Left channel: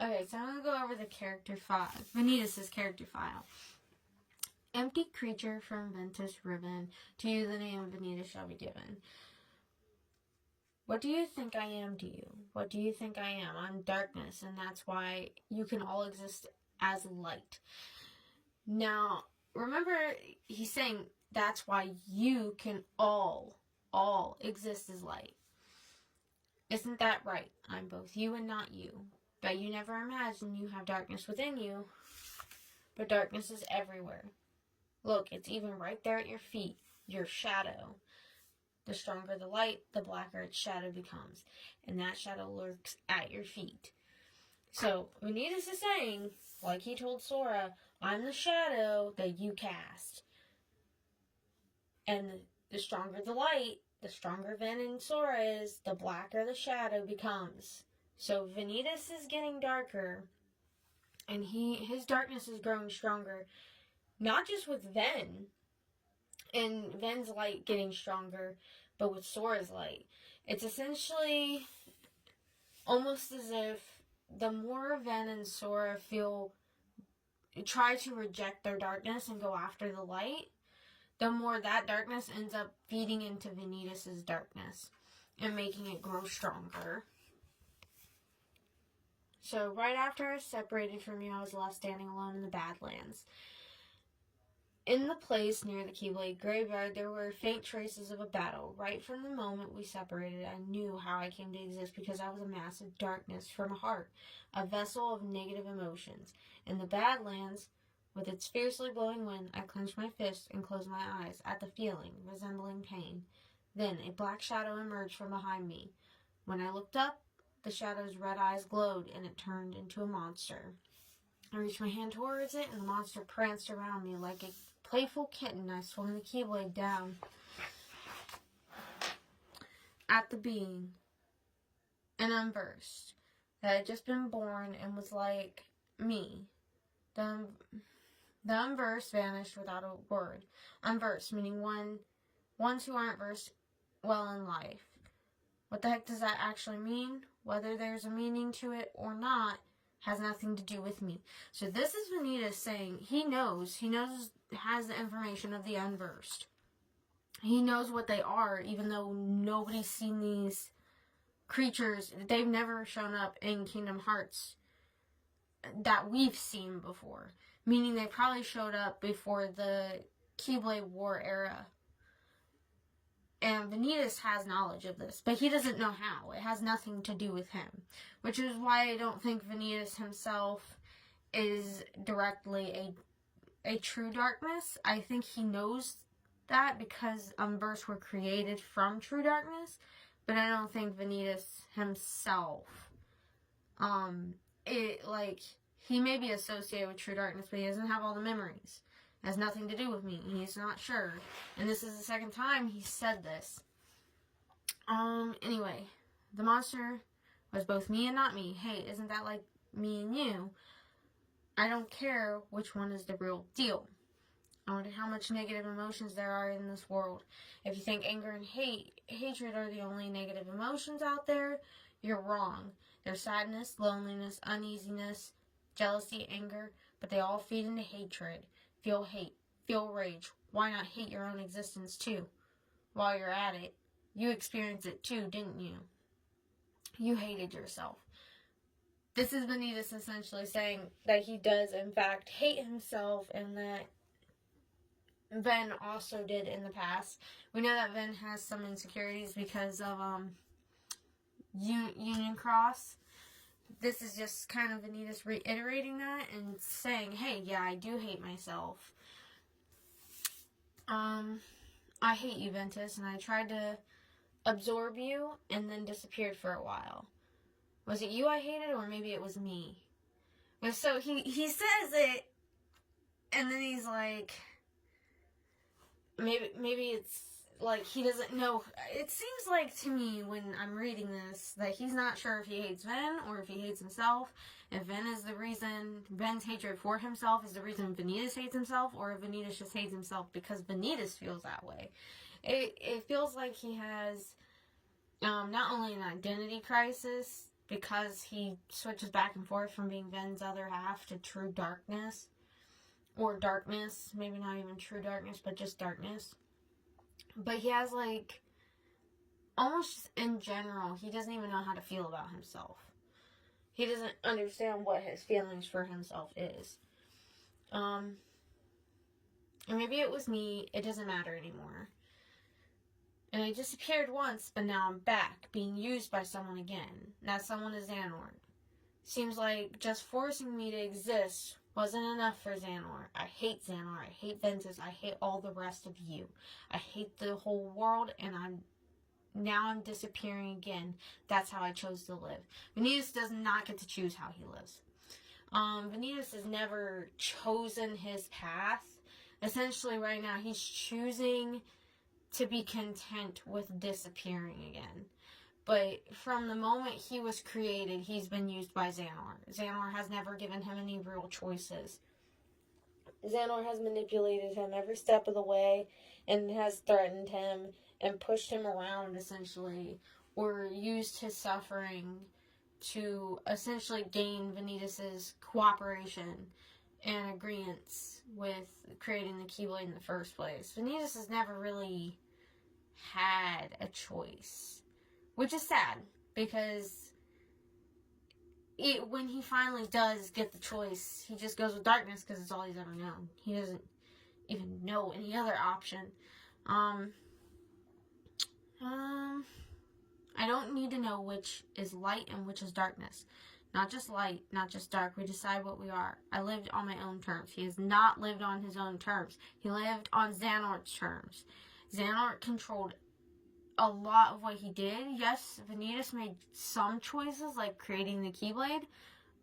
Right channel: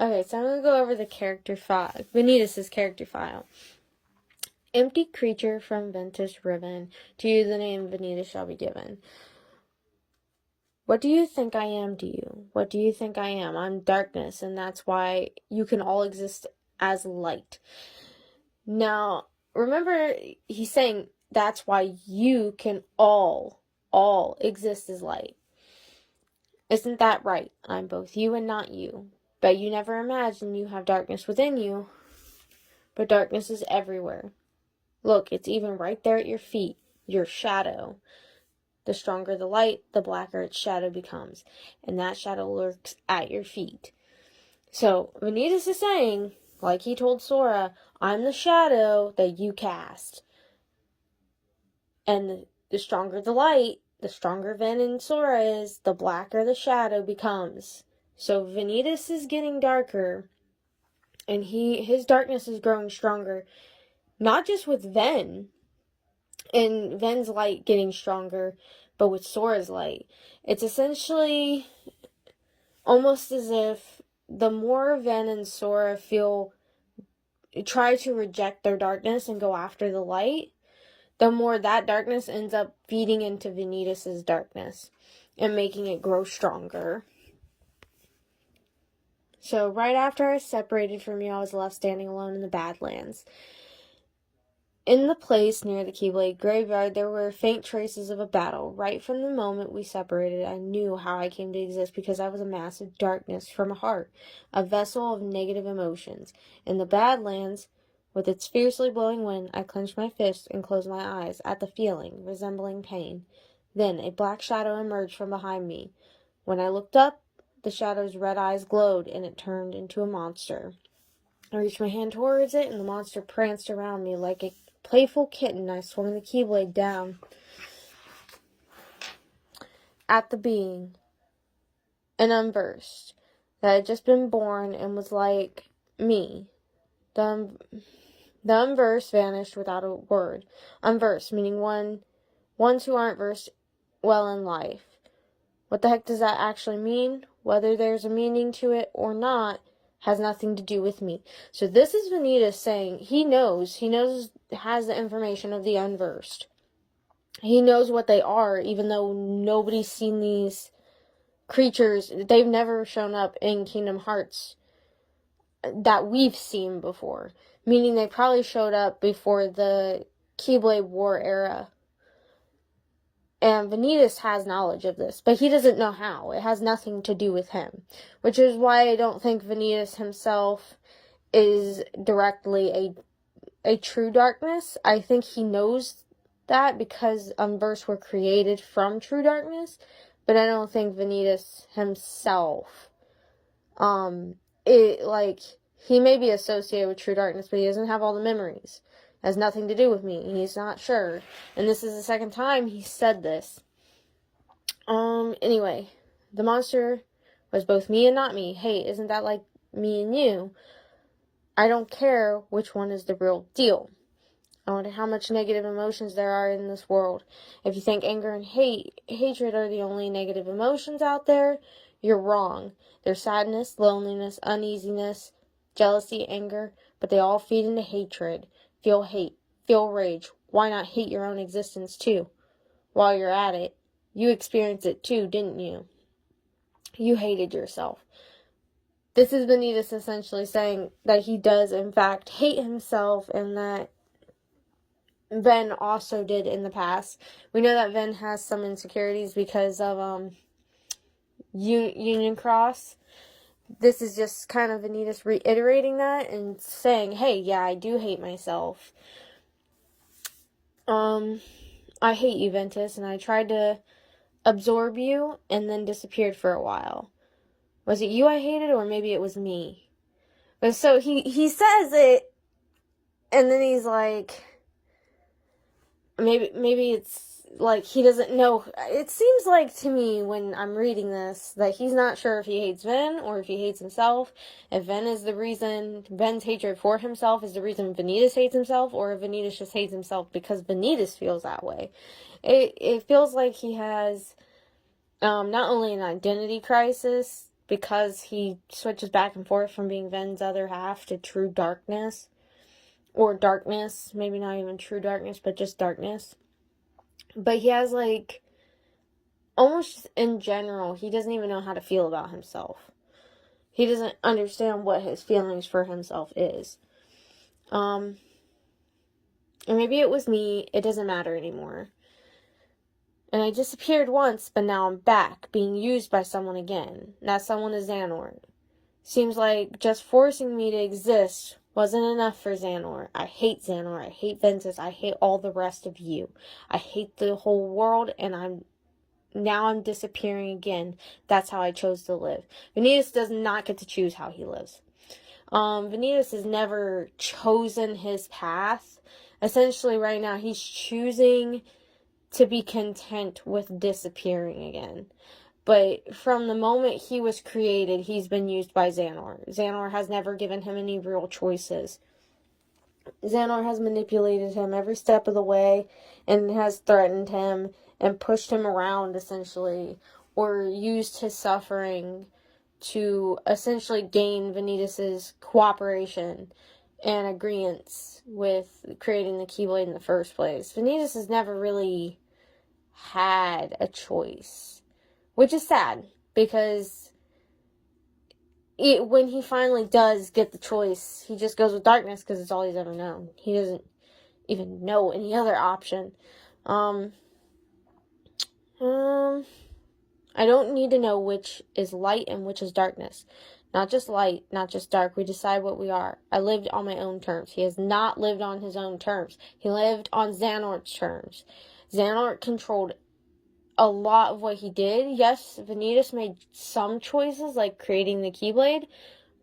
Okay, so I'm going to go over the character file, Vanitas' character file. Empty creature from Ventus Riven, to you the name Vanitas shall be given. What do you think I am to you? What do you think I am? I'm darkness, and that's why you can all exist as light. Now, remember, he's saying that's why you can all exist as light. Isn't that right? I'm both you and not you. But you never imagine you have darkness within you. But darkness is everywhere. Look, it's even right there at your feet. Your shadow. The stronger the light, the blacker its shadow becomes. And that shadow lurks at your feet. So, Vanitas is saying, like he told Sora, I'm the shadow that you cast. And the stronger the light, the stronger Ven and Sora is, the blacker the shadow becomes. So Vanitas is getting darker, and his darkness is growing stronger. Not just with Ven, and Ven's light getting stronger, but with Sora's light. It's essentially almost as if the more Ven and Sora try to reject their darkness and go after the light, the more that darkness ends up feeding into Vanitas' darkness and making it grow stronger. So right after I was separated from you, I was left standing alone in the Badlands. In the place near the Keyblade graveyard, there were faint traces of a battle. Right from the moment we separated, I knew how I came to exist because I was a mass of darkness from a heart, a vessel of negative emotions. In the Badlands, with its fiercely blowing wind, I clenched my fists and closed my eyes at the feeling, resembling pain. Then a black shadow emerged from behind me. When I looked up, the shadow's red eyes glowed, and it turned into a monster. I reached my hand towards it, and the monster pranced around me like a playful kitten. I swung the Keyblade down at the being, and unversed, that had just been born and was like me. The unversed vanished without a word. Unversed, meaning ones who aren't versed well in life. What the heck does that actually mean? Whether there's a meaning to it or not has nothing to do with me. So this is Vanitas saying he knows, has the information of the unversed. He knows what they are, even though nobody's seen these creatures. They've never shown up in Kingdom Hearts that we've seen before. Meaning they probably showed up before the Keyblade War era. And Vanitas has knowledge of this, but he doesn't know how. It has nothing to do with him. Which is why I don't think Vanitas himself is directly a true darkness. I think he knows that because Unversed were created from true darkness, but I don't think Vanitas himself, he may be associated with true darkness, but he doesn't have all the memories. It has nothing to do with me. He's not sure. And this is the second time he said this. Anyway, the monster was both me and not me. Hey, isn't that like me and you? I don't care which one is the real deal. I wonder how much negative emotions there are in this world. If you think anger and hatred are the only negative emotions out there, you're wrong. There's sadness, loneliness, uneasiness, jealousy, anger, but they all feed into hatred. Feel hate, feel rage. Why not hate your own existence too? While you're at it, you experienced it too, didn't you? You hated yourself. This is Vanitas essentially saying that he does in fact hate himself, and that Ven also did in the past. We know that Ven has some insecurities because of Union Cross. This is just kind of Vanitas reiterating that and saying, hey, yeah, I do hate myself. I hate you, Ventus, and I tried to absorb you and then disappeared for a while. Was it you I hated, or maybe it was me? But so he says it, and then he's like, maybe it's like he doesn't know. It seems like to me when I'm reading this that he's not sure if he hates Ven or if he hates himself. If Ven is the reason, Ven's hatred for himself is the reason Vanitas hates himself, or if Vanitas just hates himself because Vanitas feels that way. It feels like he has not only an identity crisis because he switches back and forth from being Ven's other half to true darkness. Or darkness. Maybe not even true darkness, but just darkness. But he has, like, almost in general, he doesn't even know how to feel about himself. He doesn't understand what his feelings for himself is. And maybe it was me. It doesn't matter anymore. And I disappeared once, but now I'm back, being used by someone again. That someone is Xehanort. Seems like just forcing me to exist wasn't enough for Xehanort. I hate Xehanort. I hate Ventus. I hate all the rest of you. I hate the whole world, and I'm disappearing again. That's how I chose to live. Vanitas does not get to choose how he lives. Vanitas has never chosen his path. Essentially, right now, he's choosing to be content with disappearing again. But from the moment he was created, he's been used by Xehanort. Xehanort has never given him any real choices. Xehanort has manipulated him every step of the way and has threatened him and pushed him around, essentially, or used his suffering to essentially gain Vanitas' cooperation and agreement with creating the Keyblade in the first place. Vanitas has never really had a choice, which is sad, because when he finally does get the choice, he just goes with darkness because it's all he's ever known. He doesn't even know any other option. I don't need to know which is light and which is darkness. Not just light, not just dark. We decide what we are. I lived on my own terms. He has not lived on his own terms. He lived on Xehanort's terms. Xehanort controlled a lot of what he did. Yes, Vanitas made some choices, like creating the Keyblade,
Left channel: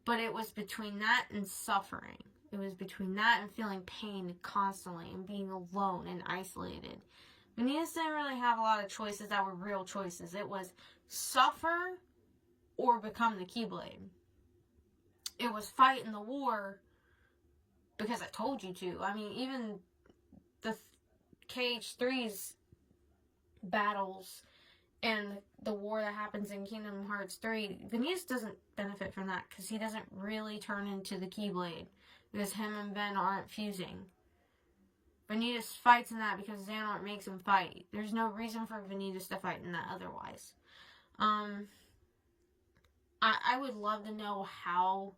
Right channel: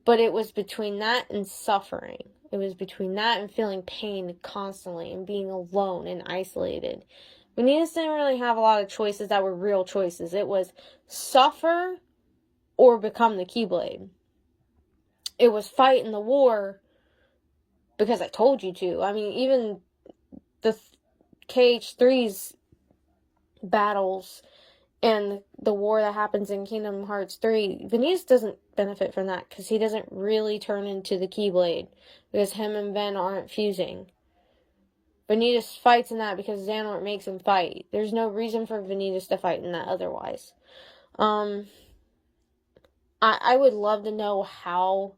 but it was between that and suffering. It was between that and feeling pain constantly and being alone and isolated. Vanitas didn't really have a lot of choices that were real choices. It was suffer or become the Keyblade. It was fight in the war because I told you to. I mean, even the KH3's battles and the war that happens in Kingdom Hearts 3, Vanitas doesn't benefit from that because he doesn't really turn into the Keyblade because him and Ven aren't fusing. Vanitas fights in that because Xehanort makes him fight. There's no reason for Vanitas to fight in that otherwise. I would love to know how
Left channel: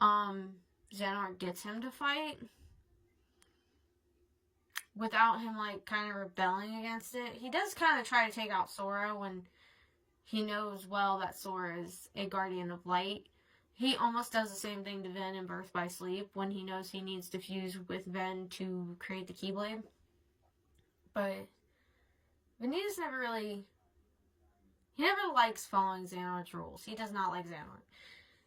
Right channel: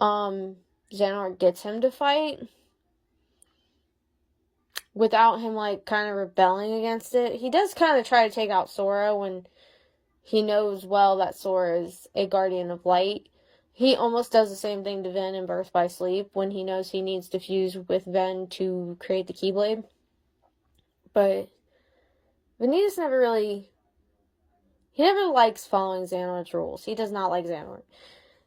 Xehanort gets him to fight without him, like, kind of rebelling against it. He does kind of try to take out Sora when he knows well that Sora is a guardian of light. He almost does the same thing to Ven in Birth by Sleep when he knows he needs to fuse with Ven to create the Keyblade. But Vanitas never likes following Xehanort's rules. He does not like Xehanort.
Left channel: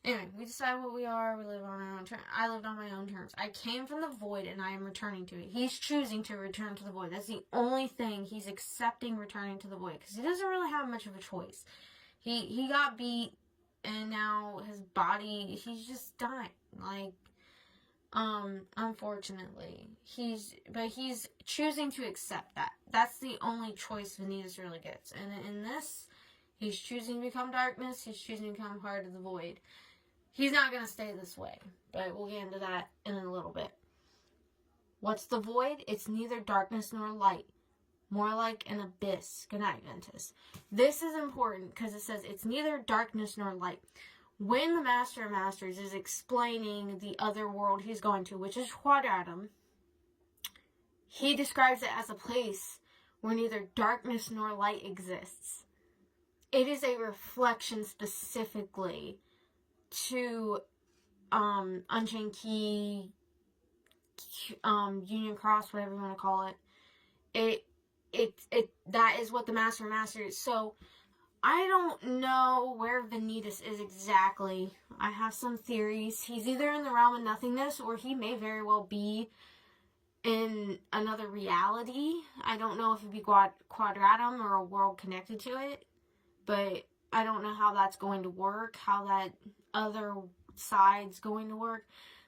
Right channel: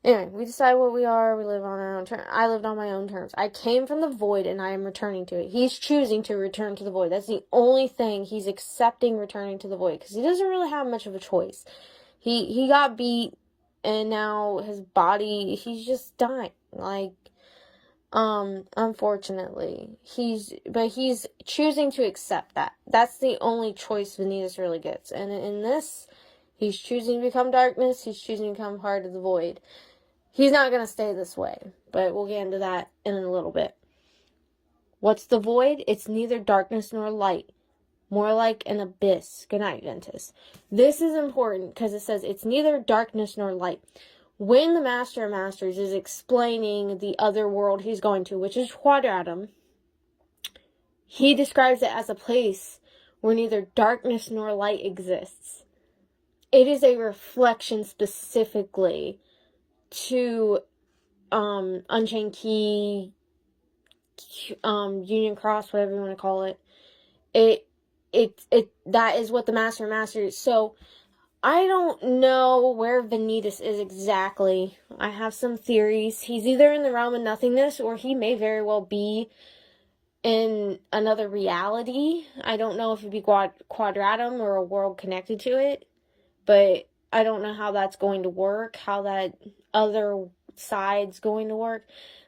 Anyway, we decide what we are. We live on our own terms. I lived on my own terms. I came from the void and I am returning to it. He's choosing to return to the void. That's the only thing. He's accepting returning to the void because he doesn't really have much of a choice. He got beat and now his body, he's just dying. Like, unfortunately. He's choosing to accept that. That's the only choice Vanitas really gets. And in this, he's choosing to become darkness. He's choosing to become part of the void. He's not going to stay this way, but we'll get into that in a little bit. What's the void? It's neither darkness nor light. More like an abyss. Good night, Ventus. This is important because it says it's neither darkness nor light. When the Master of Masters is explaining the other world he's going to, which is Quadratum, he describes it as a place where neither darkness nor light exists. It is a reflection specifically to Unchained Key, Union Cross, whatever you want to call it. That is what the Master of Masters. So I don't know where Vanitas is exactly. I have some theories. He's either in the realm of nothingness or he may very well be in another reality. I don't know if it'd be Quadratum or a world connected to it, but I don't know how that's going to work, how that other side's going to work.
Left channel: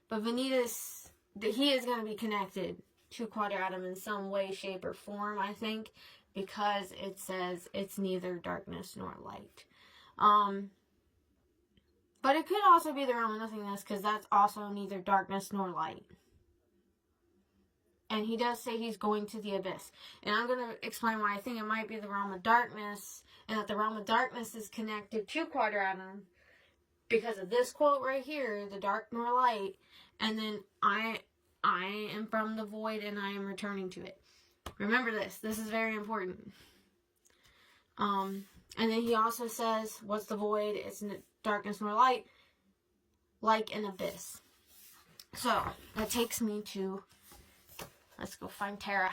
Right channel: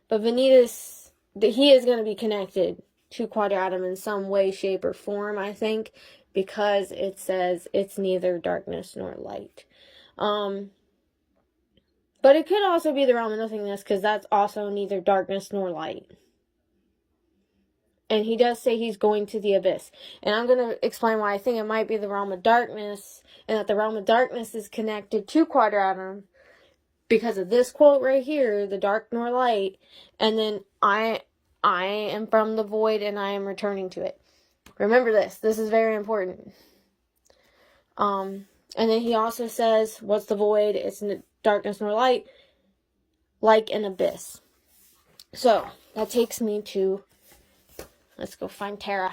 But Vanitas, he is going to be connected to Quadratum in some way, shape, or form, I think, because it says it's neither darkness nor light. But it could also be the realm of nothingness, because that's also neither darkness nor light. And he does say he's going to the abyss. And I'm going to explain why I think it might be the realm of darkness, and that the realm of darkness is connected to Quadratum because of this quote right here, the dark nor light, and then I am from the void and I am returning to it. Remember this. This is very important. And then he also says, what's the void? It's darkness nor light, like an abyss. So, that takes me to, let's go find Tara.